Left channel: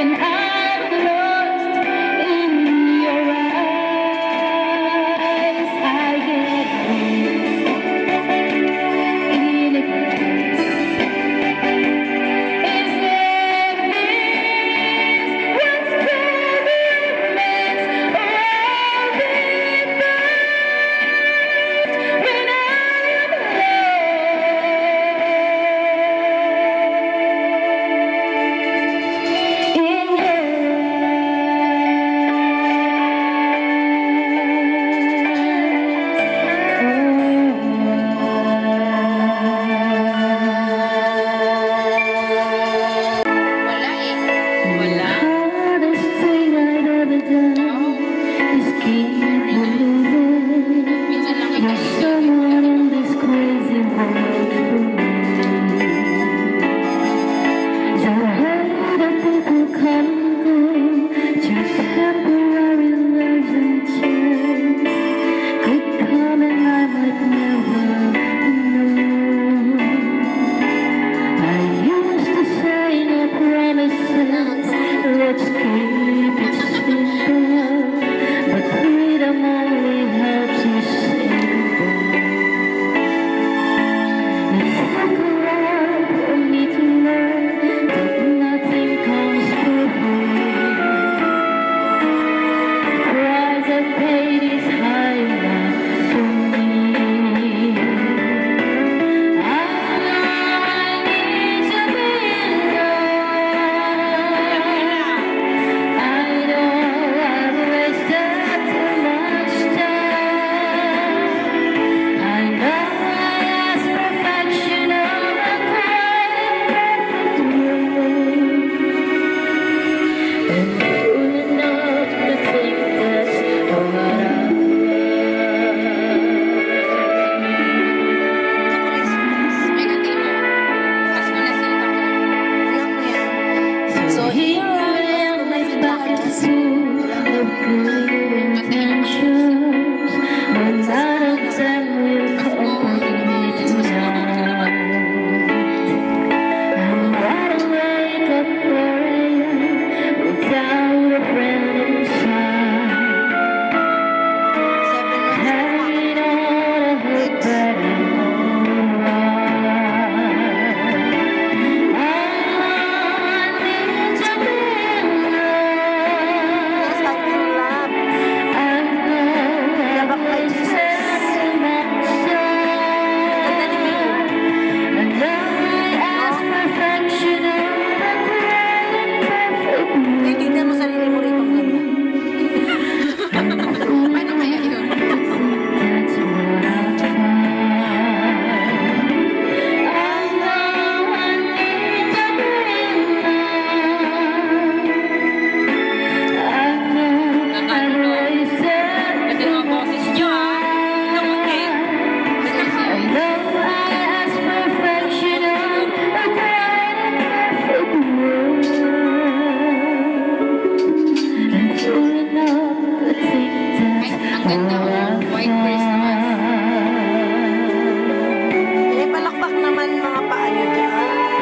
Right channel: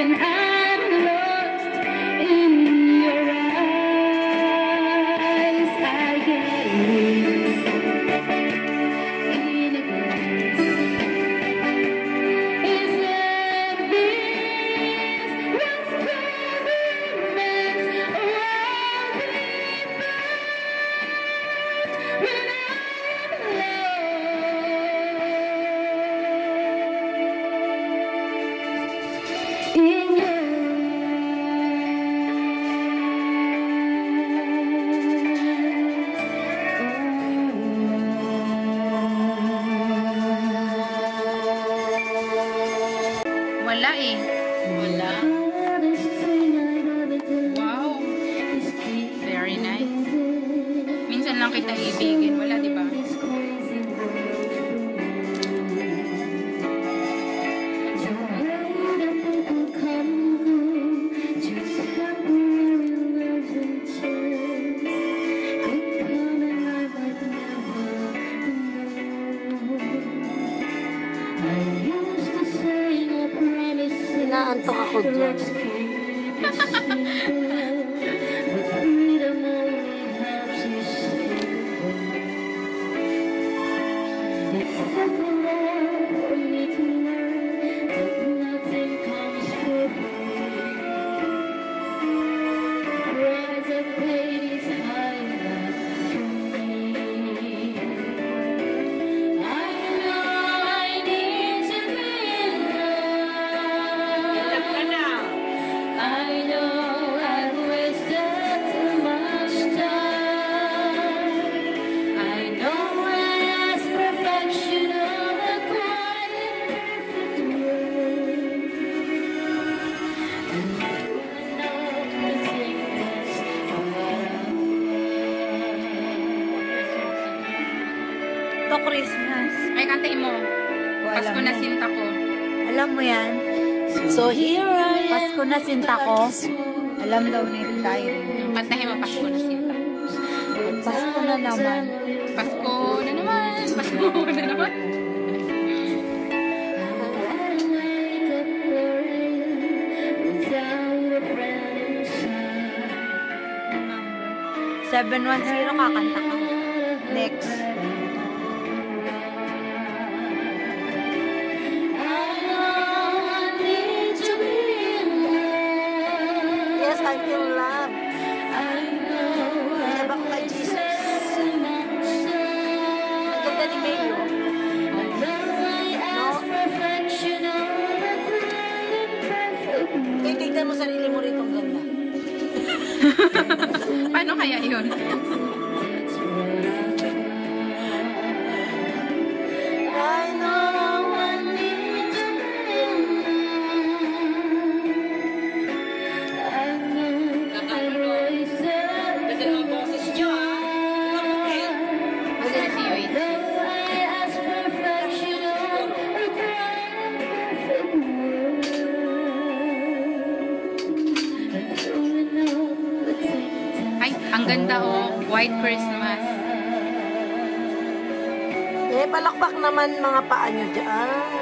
when I'm lost in your eyes. I get weak in a glance. Is there this once baby remains, or I'll be burned when I am lost in your Wala eh. Wala. hardest thing I've ever done Wow. is keep Very nice. moving. Minsan lang kita ibigin. Wala, di ba? This crazy world for me. To hurt the people come and go, just temporary loves and chance could come and I might never know. I used to say no promises, let's keep it simple, but freedom only helps you simple. It's like a lot for me to learn that nothing comes for free. Price I paid is high enough for me. I know I need to be Alam ka alone. na. I know I've wasted too much time. I know I asked perfection of a quite imperfect world, and fool enough to think that's what I Ito Christmas. May kantay mo. Pasko na sinta ko. Alam mo yan. was. So here I am, Pasko na sinta ko. Alam na Kantahin mo Pasko na sinta. Pasko. Ano naman? Pasko. Ano naman? Without a friend inside, 7 months ka na kakanta. next. Yes, I'm in love. Love ako kay Jesus. Ang ganda ni Mayo. Kaya tignan mo sarili mo rito, ang ganda. Paano kaya yun? I know I need to be Ganda ng mga boses nyo ah. Tingnan mo Kate. Gusto mo si Yoy? Ay, ang ganda oh. White Christmas. Eh, palakpak naman mga paa nyo dyan.